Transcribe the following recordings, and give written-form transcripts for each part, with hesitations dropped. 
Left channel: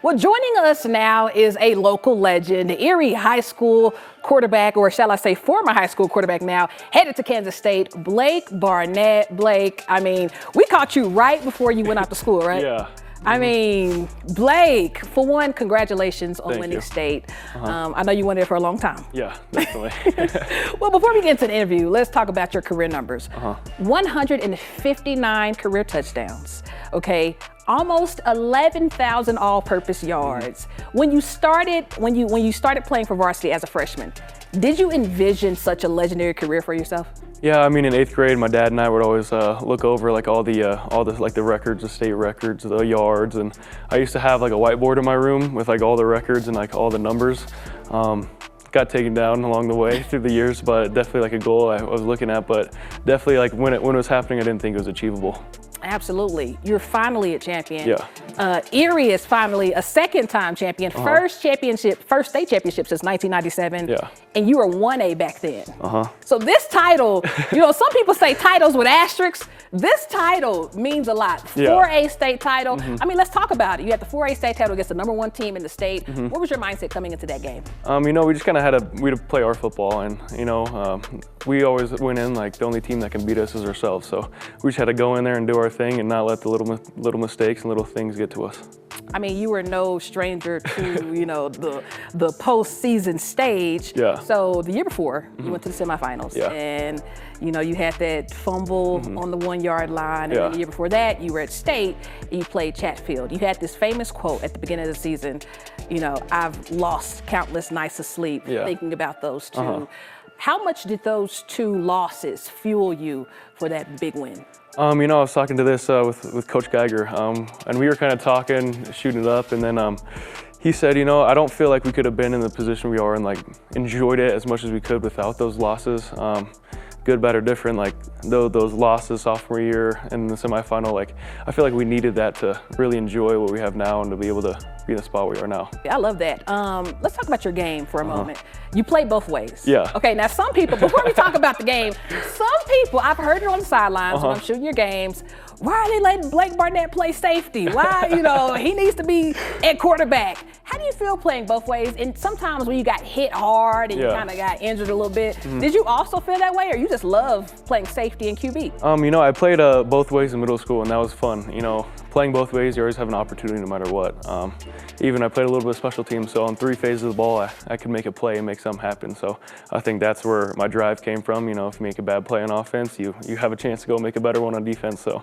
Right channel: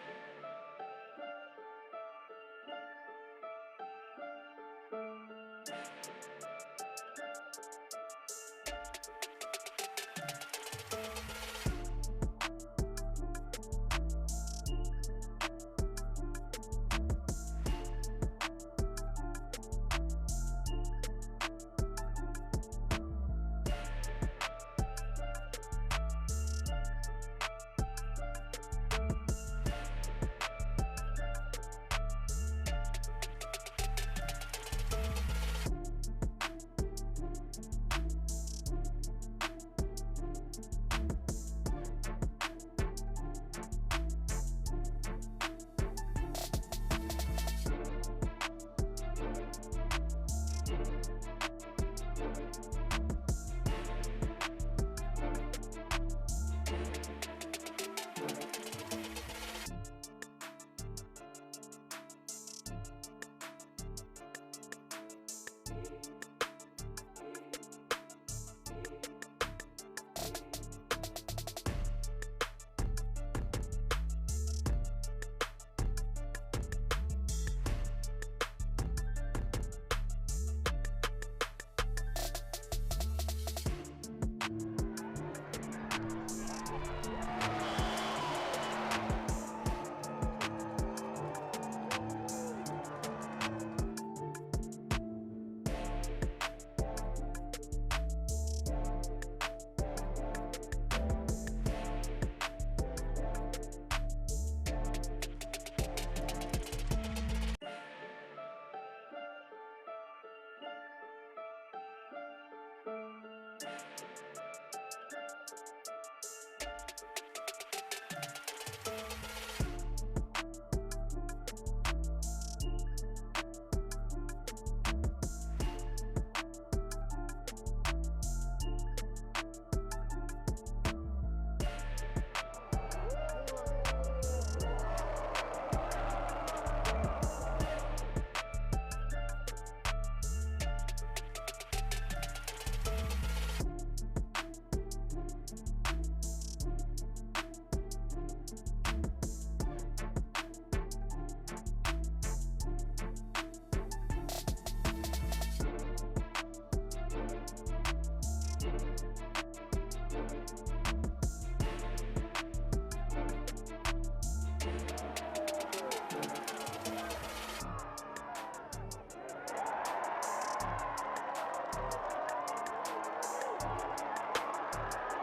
Well, joining us now is a local legend, Erie High School quarterback, or shall I say former high school quarterback now, headed to Kansas State, Blake Barnett. Blake, I mean, we caught you right before you went out to school, right? Yeah. I mean, Blake, for one, congratulations on Thank winning you. state. I know you went there for a long time. Yeah, definitely. Well, before we get into the interview, let's talk about your career numbers. 159 career touchdowns, okay? Almost 11,000 all-purpose yards. When you started playing for varsity as a freshman, did you envision such a legendary career for yourself? Yeah, I mean, in 8th grade, my dad and I would always look over like all the like the records, the state records, the yards, and I used to have like a whiteboard in my room with like all the records and like all the numbers. Got taken down along the way through the years, but definitely like a goal I was looking at. But definitely like when it was happening, I didn't think it was achievable. Absolutely. You're finally a champion. Yeah. Erie is finally a second-time champion. First state championship since 1997. Yeah. And you were 1A back then. So this title, you know, some people say titles with asterisks. This title means a lot. 4A state title. I mean, let's talk about it. You had the 4A state title against the #1 team in the state. What was your mindset coming into that game? You know, we just kind of we'd play our football, and you know, we always went in like the only team that can beat us is ourselves. So we just had to go in there and do our thing and not let the little mistakes and little things get to us. I mean, you were no stranger to, you know, the postseason stage. Yeah. So the year before, you went to the semifinals. Yeah. And, you know, you had that fumble on the 1-yard line. And then the year before that, you were at state and you played Chatfield. You had this famous quote at the beginning of the season, you know, "I've lost countless nights of sleep thinking about those two." How much did those two losses fuel you for that big win? You know, I was talking to this with Coach Geiger, and we were kind of talking, shooting it up, and then he said, you know, I don't feel like we could have been in the position we are and like enjoyed it as much as we could without those losses. Good, bad, or different, like those losses sophomore year and the semifinal, like I feel like we needed that to really enjoy what we have now and to be able to be in the spot we are now. I love that. Let's talk about your game for a moment. You play both ways. Yeah. Okay, now some people, before we talk about the game, some people, I've heard it on the sidelines when I'm shooting your games, why are they letting Blake Barnett play safety? Why, you know, he needs to be at quarterback. How do you feel playing both ways? And sometimes when you got hit hard and you kind of got injured a little bit, did you also feel that way, or you just love playing safety and QB? You know, I played both ways in middle school, and that was fun. You know, playing both ways, you always have an opportunity no matter what. Even I played a little bit of special teams, so on 3 phases of the ball, I could make a play and make something happen. So I think that's where my drive came from. You know, if you make a bad play on offense, you have a chance to go make a better one on defense. So.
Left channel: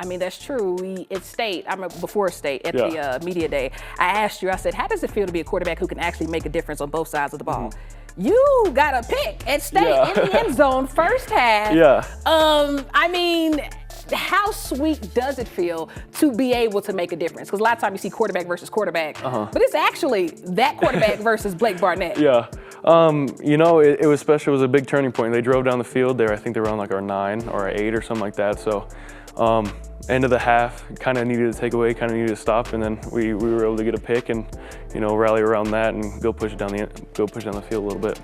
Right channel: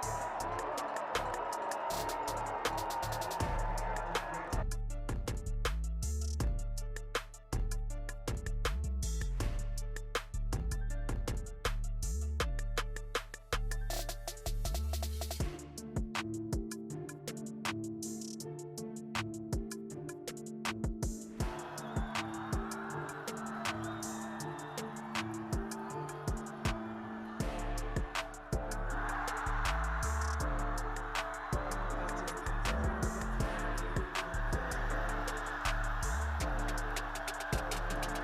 I mean, that's true. At state, I remember before state, at the media day, I asked you, I said, how does it feel to be a quarterback who can actually make a difference on both sides of the ball? You got a pick at state in the end zone, first half. I mean, how sweet does it feel to be able to make a difference? Because a lot of times you see quarterback versus quarterback, but it's actually that quarterback versus Blake Barnett. You know, it was special. It was a big turning point. They drove down the field there. I think they were on like our 9 or our 8 or something like that. So end of the half, kind of needed to take away, kind of needed to stop, and then we were able to get a pick and, you know, rally around that and go push down the field a little bit.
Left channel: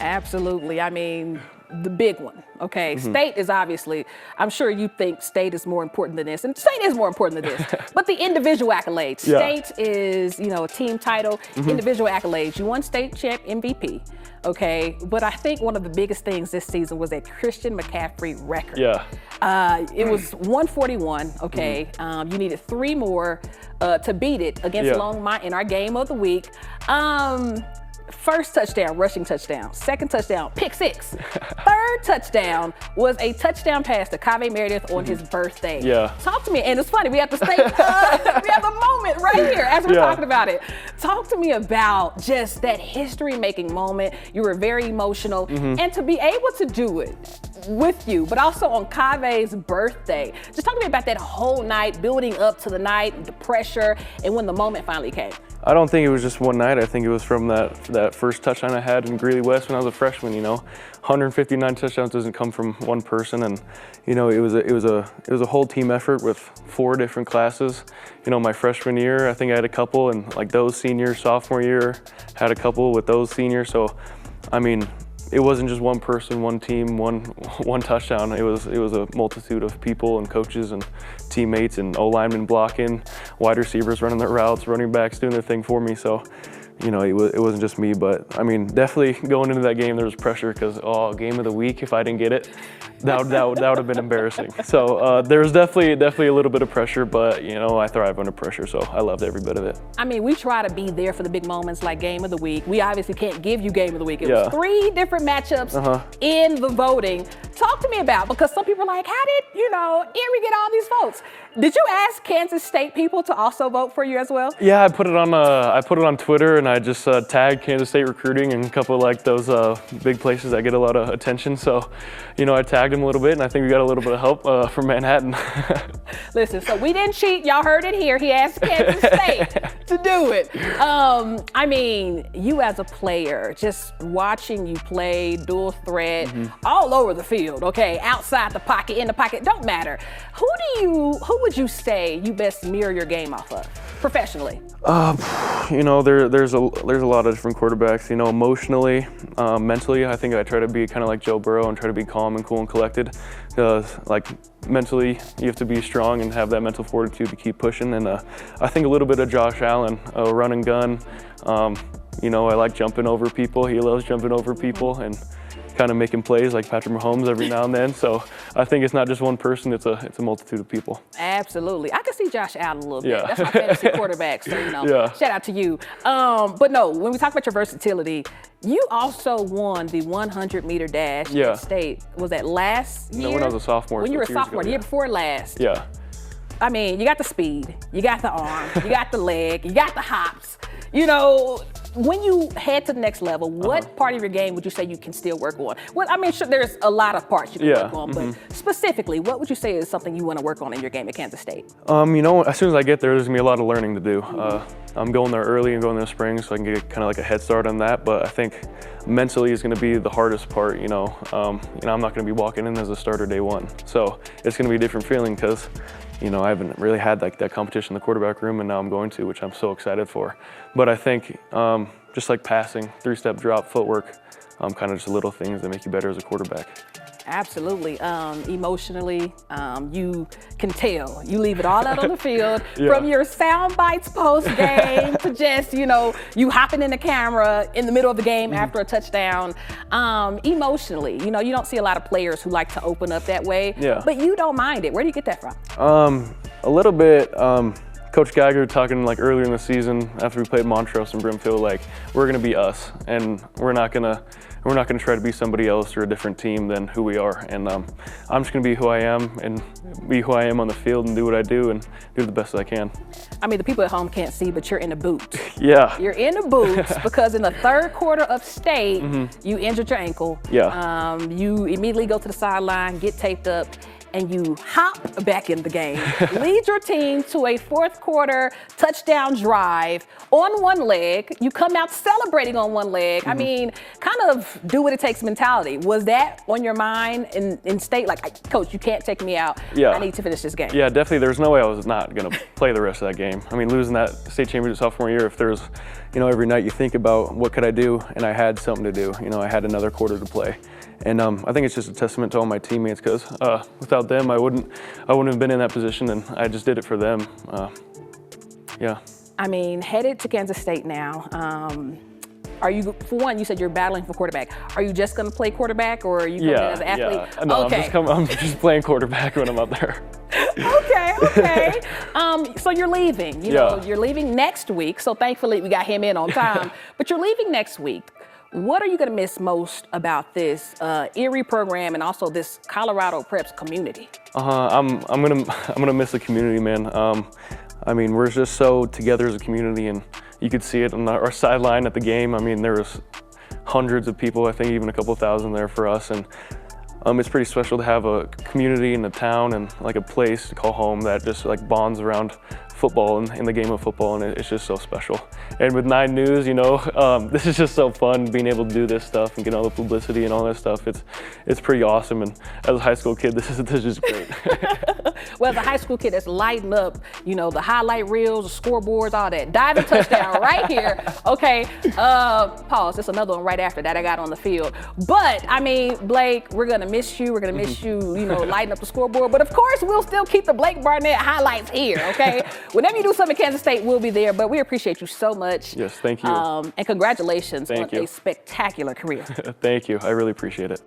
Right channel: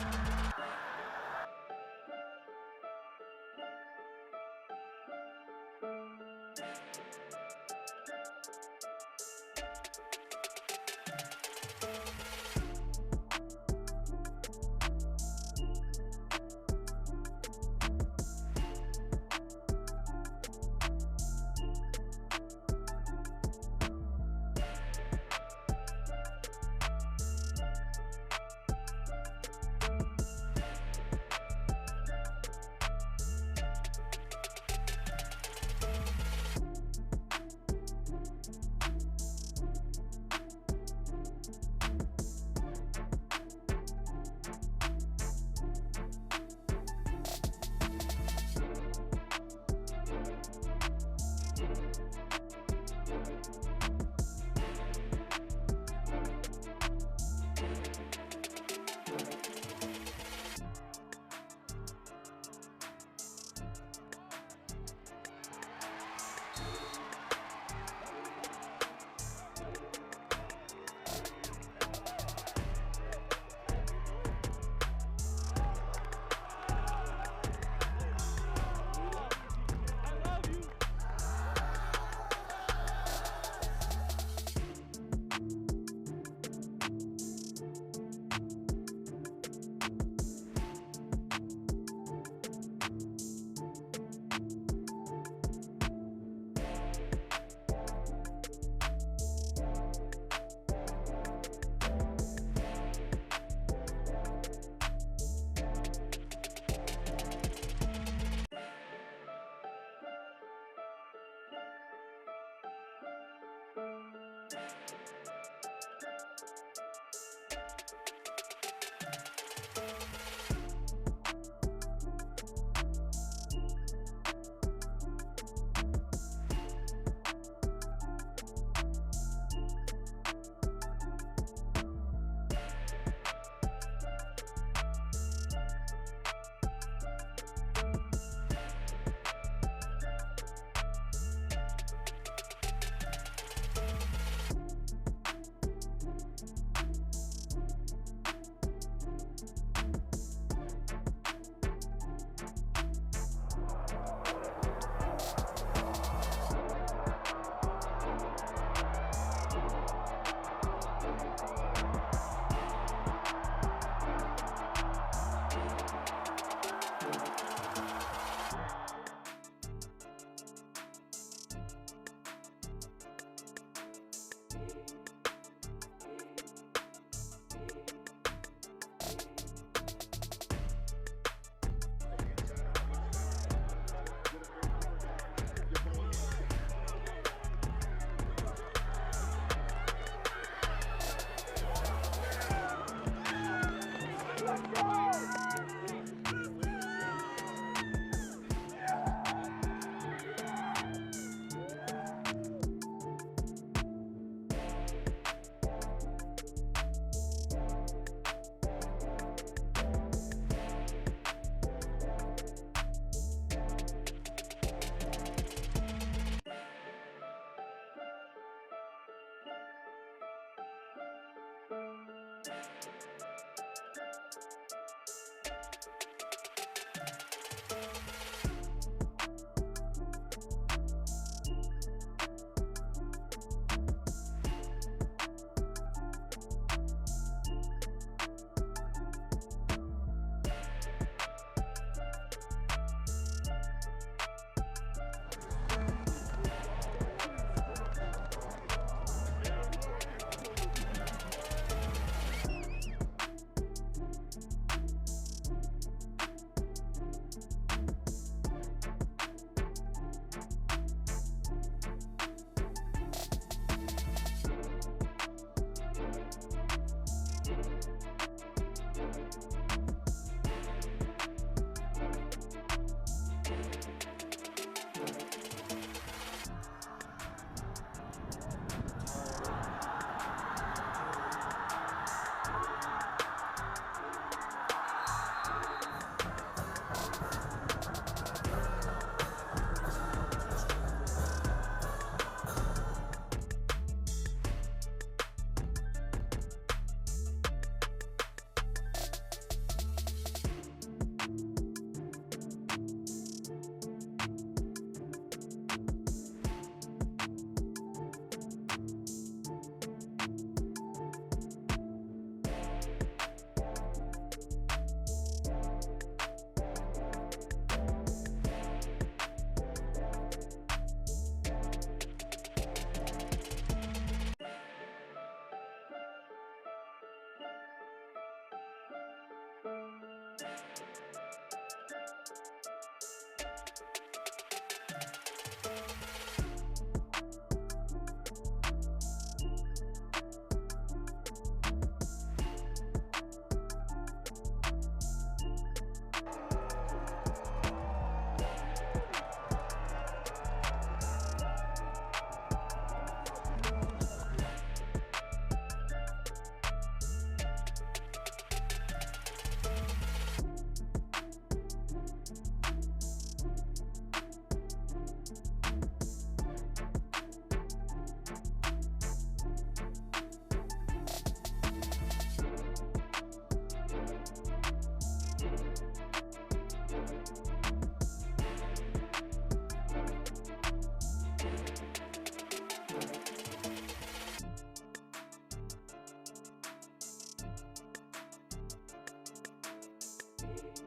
Absolutely. I mean, the big one. Okay, state is obviously, I'm sure you think state is more important than this, and state is more important than this, but the individual accolades. State is, you know, a team title, individual accolades. You won state champ MVP, okay, but I think one of the biggest things this season was that Christian McCaffrey record. It was 141, okay. You needed 3 more to beat it against Longmont in our game of the week. First touchdown, rushing touchdown. Second touchdown, pick 6. Third touchdown was a touchdown pass to Kave Meredith on his birthday. Talk to me, and it's funny, we have to stay, we have a moment right here as we're talking about it. Talk to me about just that history-making moment. You were very emotional, and to be able to do it with you, but also on Kave's birthday. Just talk to me about that whole night, building up to the night, the pressure, and when the moment finally came. I don't think it was just one night. I think it was from that first touchdown I had in Greeley West when I was a freshman. You know, 159 touchdowns doesn't come from one person, and you know, it was a whole team effort with 4 different classes. You know, my freshman year, I think I had a couple, and like those seniors, sophomore year, had a couple with those seniors. So, I mean, it wasn't just one person, one team, one touchdown. It was a multitude of people and coaches and teammates and O-linemen blocking, wide receivers running their routes, running backs doing their thing for me. So, you know, it wasn't just me, but I mean, definitely going into that game, there was pressure because, game of the week, if I didn't get it, that would have been embarrassing. So there was definitely a little bit of pressure, but you know, I thrive under pressure, so I loved every bit of it. I mean, we try to be there for the big moments like game of the week. We obviously can't give you game of the week. It was 3 different matchups in the voting. Talk to me about, because some people are like, how did, you know, Erie get all these votes? Did you ask Kansas State people to also vote for you as well? Yeah, I put it on Twitter, and I just tagged Kansas State recruiting and a couple of like those big places that get a lot of attention. So, you know, I tagged them a little bit, and I think we got a little bit of help from Manhattan. Listen, so we didn't cheat. Y'all heard it here. He asked Kansas State to do it. I mean, you as a player, just watching you play dual threat all over the field, okay? Outside the pocket, in the pocket, don't matter. Who would you say you best mirror your game off of professionally? You know, there's a lot of different quarterbacks. You know, emotionally, mentally, I think I try to be kind of like Joe Burrow and try to be calm and cool and collected. Like mentally, you have to be strong and have that mental fortitude to keep pushing. And I think a little bit of Josh Allen, run and gun. You know, I like jumping over people. He loves jumping over people and kind of making plays like Patrick Mahomes every now and then. So I think it's not just one person, it's a multitude of people. Absolutely. I can see Josh Allen a little bit. Yeah. That's my fantasy quarterback, so you know, shout out to you. But no, when we talk about your versatility, you also won the 100-meter dash at State. Was that last year? No, when I was a sophomore. When you were a sophomore, the year before last. Yeah. I mean, you got the speed, you got the arm, you got the leg, you got the hops. You know, when you head to the next level, what part of your game would you say you can still work on? Well, I mean, sure, there's a lot of parts you can work on, but specifically, what would you say is something you want to work on in your game at Kansas State? You know, as soon as I get there's going to be a lot of learning to do. I'm going there early and going there in the spring, so I can get kind of like a head start on that, but I think mentally is going to be the hardest part, you know. I'm not going to be walking in as a starter day one, so it's going to be a different feeling because, you know, I haven't really had like that competition in the quarterback room, and now I'm going to, which I'm so excited for. But I think just like passing, 3-step drop, footwork, kind of just little things that make you better as a quarterback. Absolutely. Emotionally, you can tell. You leave it all out on the field, from your sound bites post game to just, you know, you hopping in the camera in the middle of the game after a touchdown. Emotionally, you know, you don't see a lot of players who like to open up that way, but you don't mind it. Where do you get that from? A little bit. Coach Geiger talking like earlier in the season after we played Montrose and Brimfield, like we're gonna be us, and we're not gonna try to be somebody else or a different team than who we are. And I'm just gonna be who I am and be who I am on the field and do what I do and do the best I can. I mean, the people at home can't see, but you're in the boots. Yeah. You're in the boots because in the 3rd quarter of State, you injured your ankle. Yeah. You immediately go to the sideline, get taped up, and you hop back in the game. Lead your team to a 4th quarter touchdown drive on one leg. You come out celebrating on one leg. I mean, kind of do what it takes mentality. Was that on your mind in State? Like, Coach, you can't take me out. I need to finish this game. Yeah, definitely. There's no way I was not going to play the rest of that game. I mean, losing that state championship sophomore year, if there's, you know, every night you think about what could I do, and I had something to do. You know, I had another quarter to play. And I think it's just a testament to all my teammates because without them, I wouldn't have been in that position, and I just did it for them. Yeah. I mean, headed to Kansas State now. Are you, for one, you said you're battling for quarterback. Are you just going to play quarterback, or are you coming as an athlete? Yeah. No, okay. I'm just playing quarterback when I'm out there. Okay. So you're leaving. You know, you're leaving next week. So thankfully we got him in on time. But you're leaving next week. What are you going to miss most about this Erie program and also this Colorado Preps community? I'm gonna miss the community, man. I mean, we're just so together as a community, and you could see it on our sideline at the game. I mean, there was hundreds of people, I think even a couple thousand there for us, and it's pretty special to have a community in the town and like a place to call home that just like bonds around football and in the game of football, and it's just so special. And with 9 News, you know, this is just so fun being able to do this stuff and get all the publicity and all that stuff. It's pretty awesome. And as a high school kid, this is just great. Well, as a high school kid that's lighting up, you know, the highlight reels, the scoreboards, all that. Diving touchdown right here. Okay, pause. There's another one right after that I got on the field. But, I mean, Blake, we're going to miss you. We're going to miss you, you know, lighting up the scoreboard. But, of course, we'll still keep the Blake Barnett highlights here, okay? Whenever you do something in Kansas State, we'll be there. But we appreciate you so much. Yes, thank you. And congratulations on Thank you. a spectacular career. Thank you. I really appreciate it.